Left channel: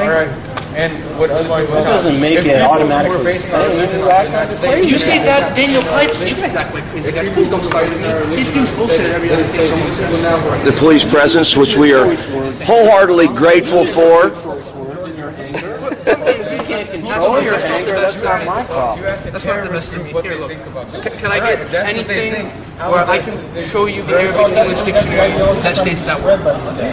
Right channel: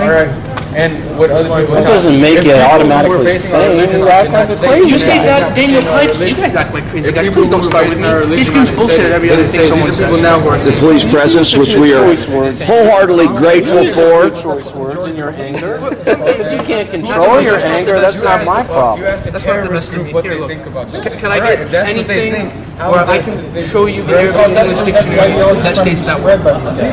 All right. And what other people that doesn't make it automatically sane. You act like a crazy You say that Daniel Pipes, you guys act like crazy guys. Please don't start with me. He screams bullshit at every other thing someone says. The police presence, which we are wholeheartedly grateful for. Choice words in your anger. Because you can't control your anger, that's not my problem. That's not the best of me. Here, look. Can I get anything where I can show you the Arabic English dictionary that states that word?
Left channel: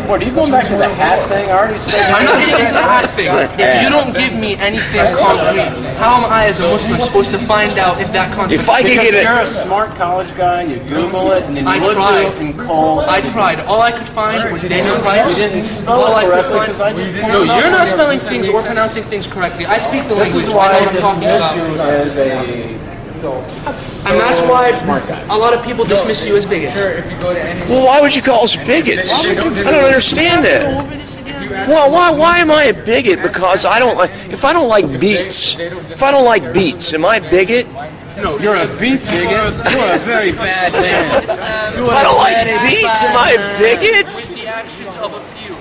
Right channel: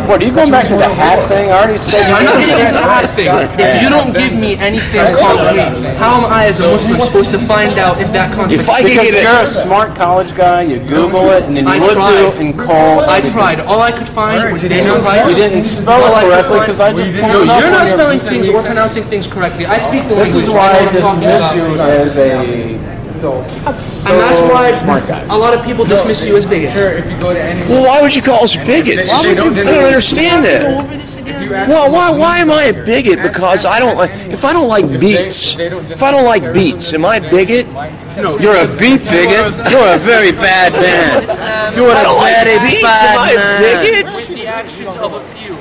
What, are you going back to the hat thing? I already said I'm not getting into the hat thing. If you don't give me anything concrete, how am I as a Muslim supposed to find out if that concept? Because you're a smart college guy, you Google it, and then you look through it and call. I tried. All I could find was Daniel Pipes. You didn't spell it correctly because I just No, you're not spelling things or pronouncing things correctly. I speak the language. This is why I know I what I'm talking dismiss about. you as a... And that's why a lot of people dismiss you as bigots. Well, why would you call us bigots? I don't understand that. Well, why am I a bigot? Because I don't like. If I don't like beets, am I a bigot? No, you're a beet bigot. You're a very bad man. If I don't like beets, am I a bigot? With the actions of a few.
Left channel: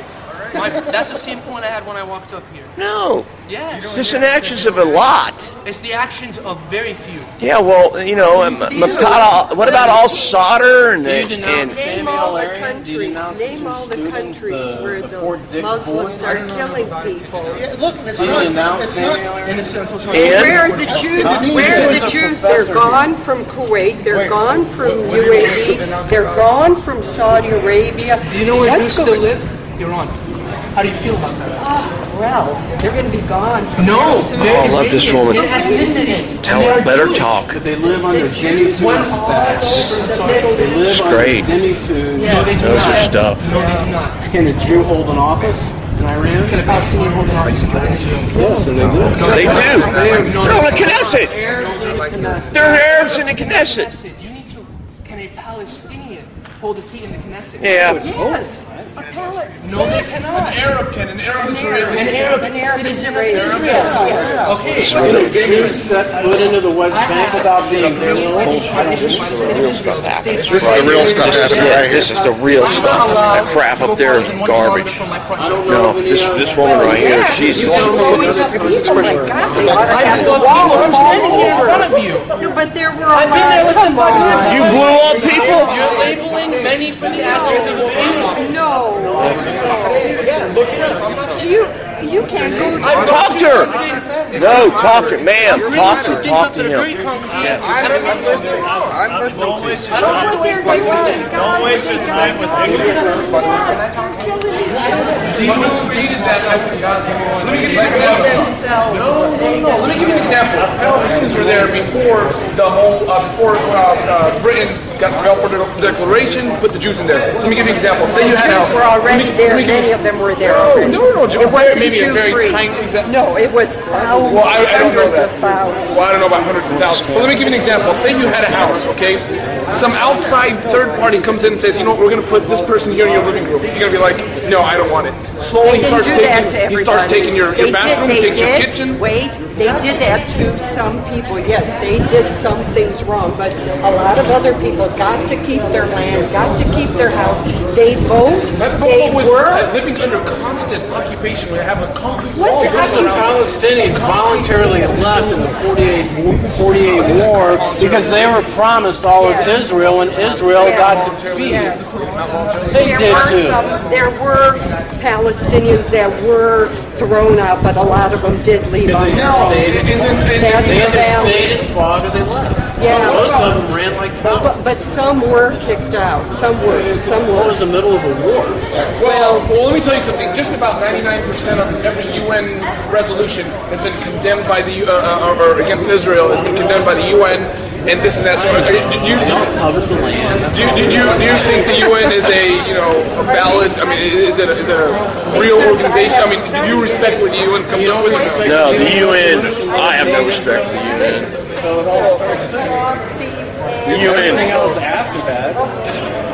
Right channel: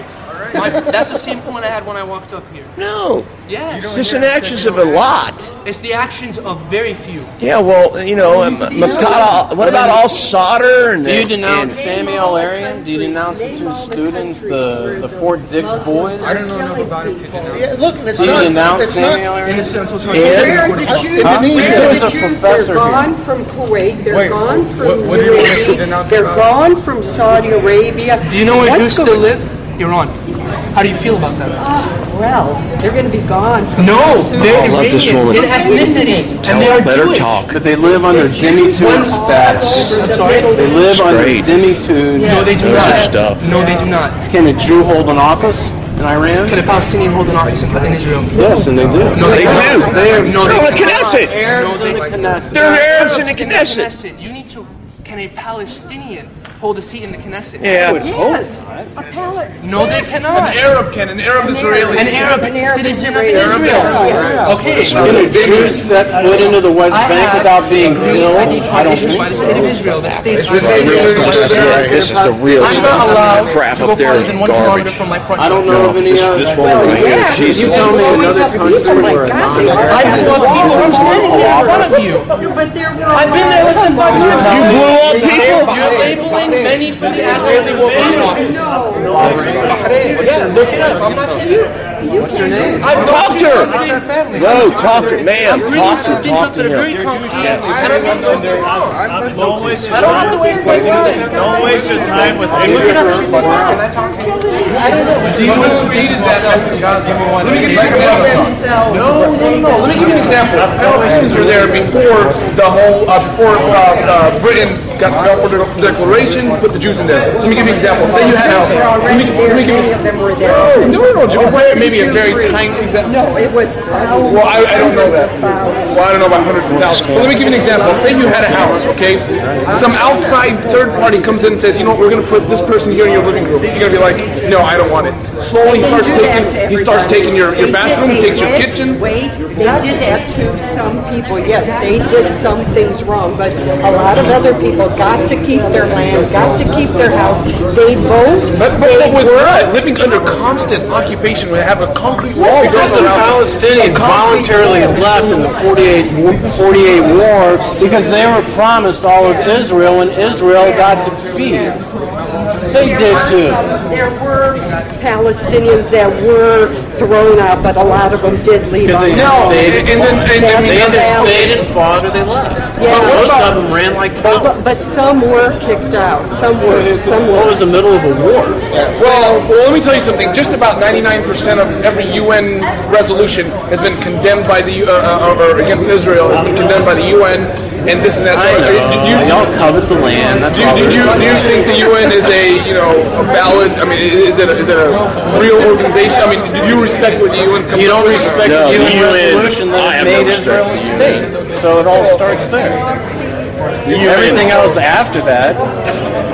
That's the same point I had when I walked up here. No. Yes. It's the actions of a lot. It's the actions of very few. Yeah, well, you know, what about all solder? And do you denounce Samuel Arian? Do you denounce the two students, the Fort Dix boys? I don't know about it. Yeah, look, it's do you not. denounce It's Samuel not. Arian? Where are the Jews? Where are the Jews? They're gone from Kuwait. They're gone from UAE. They're gone from Saudi Arabia. Do you know where Jews still live? Iran. How do you feel about that? Well, they're going to be gone. No, I love this woman. in ethnicity. Let her talk. But they live under Jimmy Toon's stats. I'm sorry? They live Straight. under Jimmy Toon's. No, they do Those not. are stuff. No, they do not. Can a Jew hold an office in Iran? Can a Palestinian hold an office in Israel? Yes, and they do. No, They do. They're in the Knesset. Arabs in the Knesset. They're Arabs in the Knesset. You need to. Can a Palestinian hold a seat in the Knesset? Yeah. Yes, a pallet. No, they cannot. An Arab can. An Arab Israeli. An Arab citizen of Israel. Okay. Can a Jew set foot into the West Bank without being killed? I don't think so. This is the real stuff. This is the real stuff. That crap up there is garbage. I don't know of any This woman right here, she's Blowing up people, my God, they are. I blew up people. I'm standing here in front of you. No, but there were I've been there less than 5 times. You blew up people? You're labeling many for the actions they will be. No. Yeah, look it up. You can't. Talk to her. No, talk to her. Ma'am, talk to him. Yes. I don't have to waste my time. Don't waste your time with ignorant. Do you know who created that mess in Gaza? Let me give you an example. No. Let me give you an example. Palestinians were there before the whole, Britain got the Balfour Declaration, put the Jews in there. Let me give you an example. Say you had a house. Were already there. Many of them were there. No. Maybe a very tiny example. No, it was thousands. Well, I don't know hundreds that. of thousands. Well, I don't know about hundreds of thousands. But let me give you an example. Say you had a house, okay? Some outside third party comes in and says, you know what, we're going to put this person here in your living room. You're going to be like, no, I don't want it. Slowly he starts taking your bathroom, he takes your kitchen. Wait, they did that to some people. Yes, they did some things wrong, but a lot of other people got to keep their land, got to keep their house. They vote. But with living under constant occupation, we have a concrete wall. Because the Palestinians voluntarily left in the 48 war because they were promised all of Israel, and Israel got defeated. They did too. There were Palestinians that were thrown out, but a lot of them did leave. Because they stayed and fought, or they left. Yeah. Most of them ran like cowards. But some were kicked out. Some were. What was the middle of a war? Well, let me tell you something. Just about 99% of every UN resolution has been condemned by the or against Israel has been condemned by the UN, and this and that. So, y'all covered the land. Do you think the UN is a valid? I mean, is it a real organization? I mean, do you respect what the UN comes up with? Respect No, the the UN. resolution that I have no made respect for into the UN. state. So it all starts there. Everything else after that.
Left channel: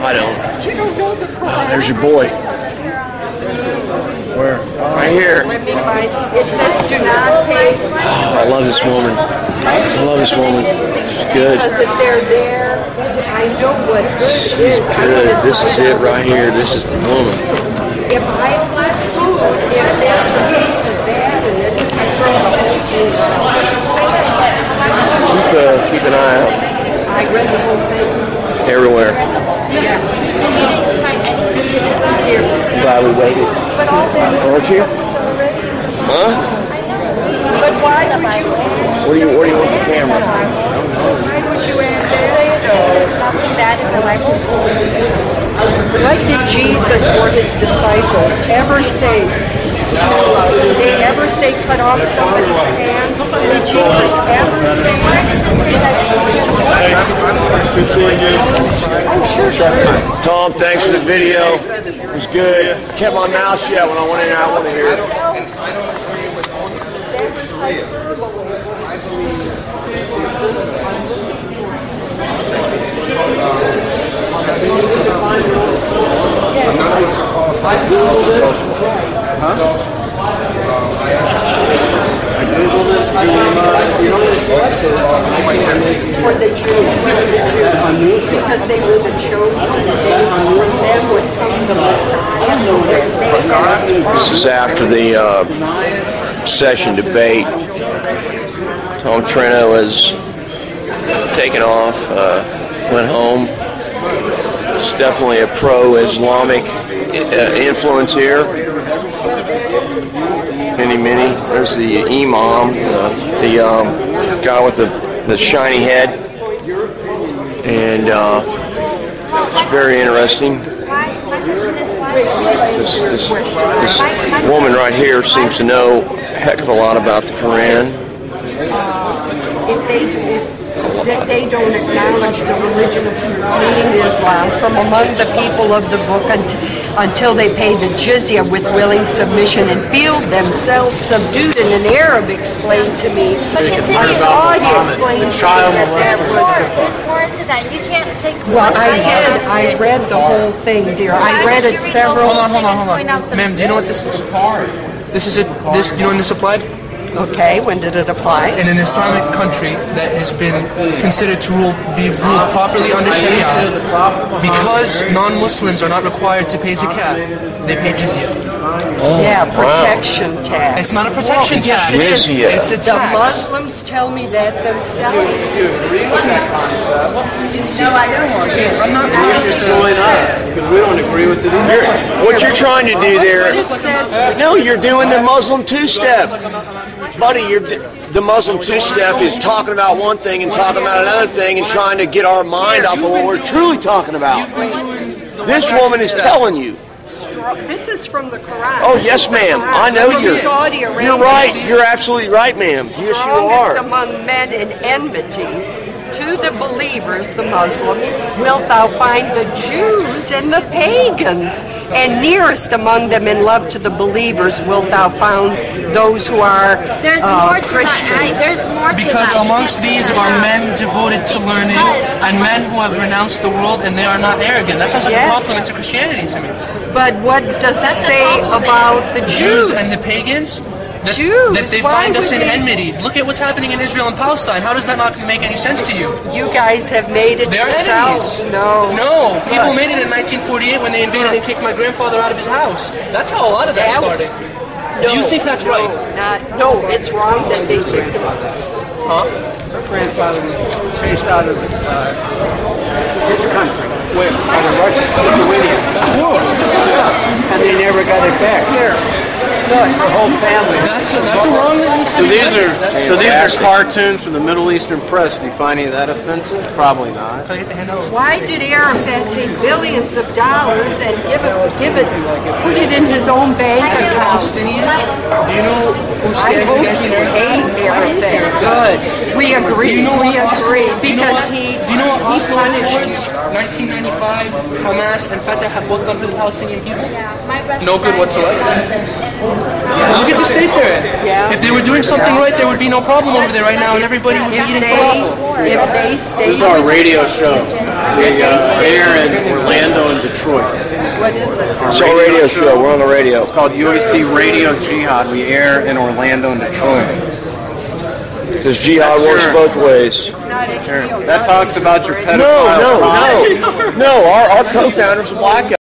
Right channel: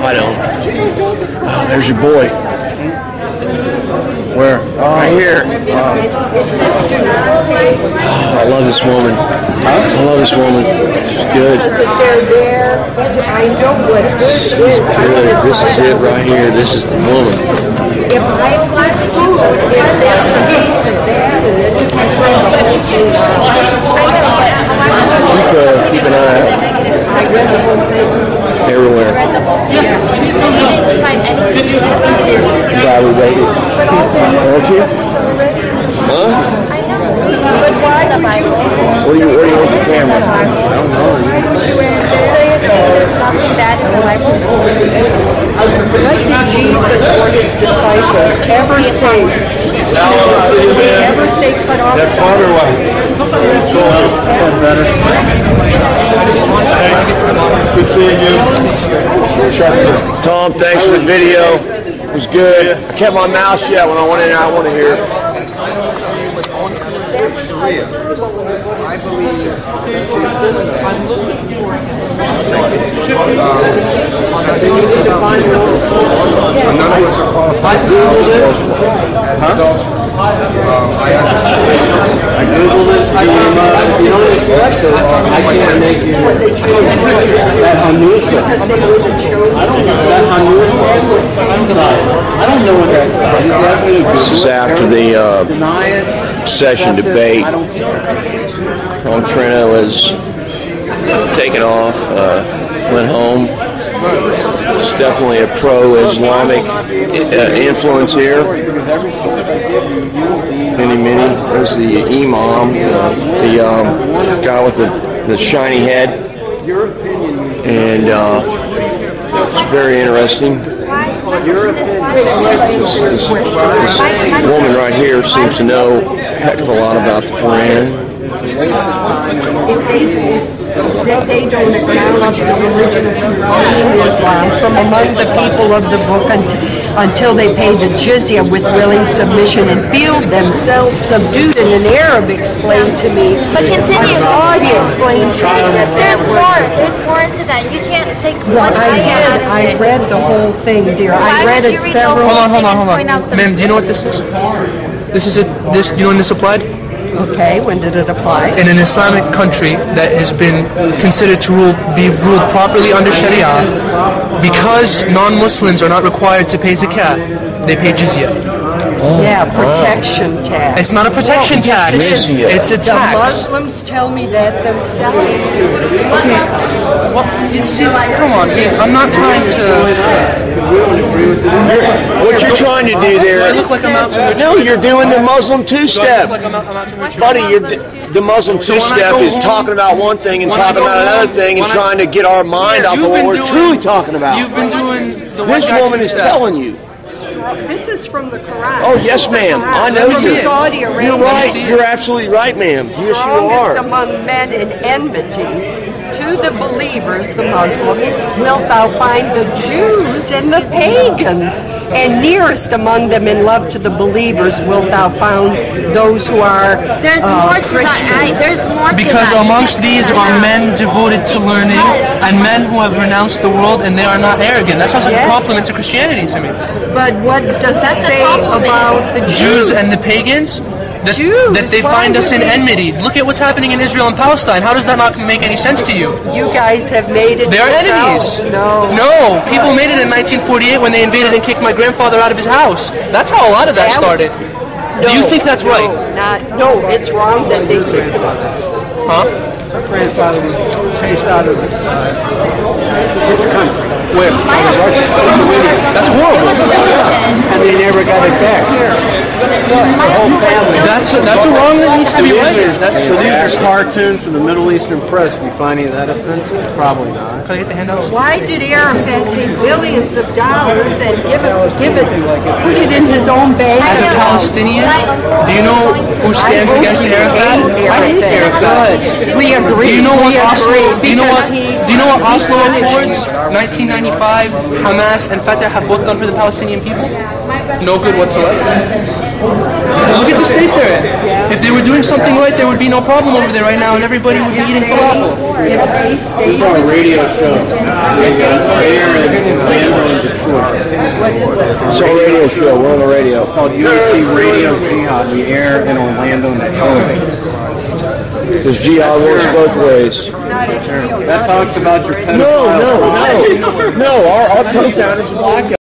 I don't. Oh, there's your boy. Where? Right here. I love this woman. I love this woman. She's good. Because if they're there, I know what She's good is. good. This is it right here. This is the woman. If I want food, if that's the case, if Huh? But why would you ask? Where do you want the camera? Why would you ask? There's nothing bad in the Bible. What did Jesus or his disciples ever say? Did they ever say cut off somebody's hand? Did Jesus ever say Good seeing you. Tom, thanks for the video. It was good. I kept my mouth shut when I went in there. I want to hear it. I believe none of us are qualified for adults. I understand. I Googled it. for the Jews? Because they were the chosen. This is after the session debate. Tom Trento has taken off, went home. It's definitely a pro-Islamic influence here. Many. There's the imam, the guy with the shiny head, and it's very interesting. This woman right here seems to know a heck of a lot about the Quran. That they don't acknowledge the religion of Islam from among the people of the book until they pay the jizya with willing submission and feel themselves subdued. And an Arab explained to me, But continue. a Saudi explained to me that There's more into that. You can't take well, one I idea did. out of I it. read the whole thing, dear. I Why read would it you read the several. whole Hold on. Point out the- Ma'am, do you know what this is? This is it. This, you know when this applied? Okay, when did it apply? In an Islamic country that has been considered to be ruled properly under Sharia, because non-Muslims are not required to pay zakat, they pay jizya. Yeah, protection tax. It's not a protection Well, yes, tax. it is. Jizya. It's a The tax. Muslims tell me that themselves. Come on, dude. I'm not trying to. We don't agree with it. What you're trying to do there? No, you're doing the Muslim two-step, buddy. The Muslim two-step is talking about one thing and talking about another thing and trying to get our mind off of what we're truly talking about. You've been doing the This woman is telling you. This is from the Quran. Oh, This yes, is the ma'am. Quran. I know From you. Saudi Arabia. You're right. You're absolutely right, ma'am. Yes, you Strongest are. among men in enmity to the believers, the Muslims, wilt thou find the Jews and the pagans, and nearest among them in love to the believers wilt thou find those who are There's more to Christians. that. There's more to that. Because amongst these are men devoted to learning and men who have renounced the world and they are not arrogant. That sounds like Yes. a compliment to Christianity to me. But what does it That's a say compliment. about the Jews Jews? and the pagans, that Jews, they why find us would in they- enmity. Look at what's happening in Israel and Palestine. How does that not make any sense to you? You guys have made it They're yourselves. enemies. No. No, people made it in 1948 when they invaded and kicked my grandfather out of his house. That's how a lot of that started. Do you think that's right? No, it's wrong that they kicked him out. Huh? My grandfather was chased out of his country. Where? That's horrible. And they never got it back. The whole family. That's a wrong that needs to be righted. So these are cartoons from the Middle Eastern press. Do you find any of that offensive? Probably not. Can I get the handouts? Why did Arafat take billions of dollars and put it in his own bank As a account? Palestinian, do you know who I stands hope against you Arafat? hate Arafat. Good. We agree. Do you know what we Oslo? agree Do you know what? because he. Do you know what he Oslo punished Accords, 1995, Hamas and Fatah have both done for the Palestinian people? No good whatsoever. Look at the state they're in. If they were doing something right, there would be no problem over there right now, and everybody would be eating falafel. If they stay, This is our radio show. We air in Orlando and Detroit. what is it? It's our radio show. We're on the radio. It's called USC Radio Jihad. We air in Orlando and Detroit. This jihad works both ways. It's not a deal. That talks about your pedophile. No. Our co-founder's a black guy.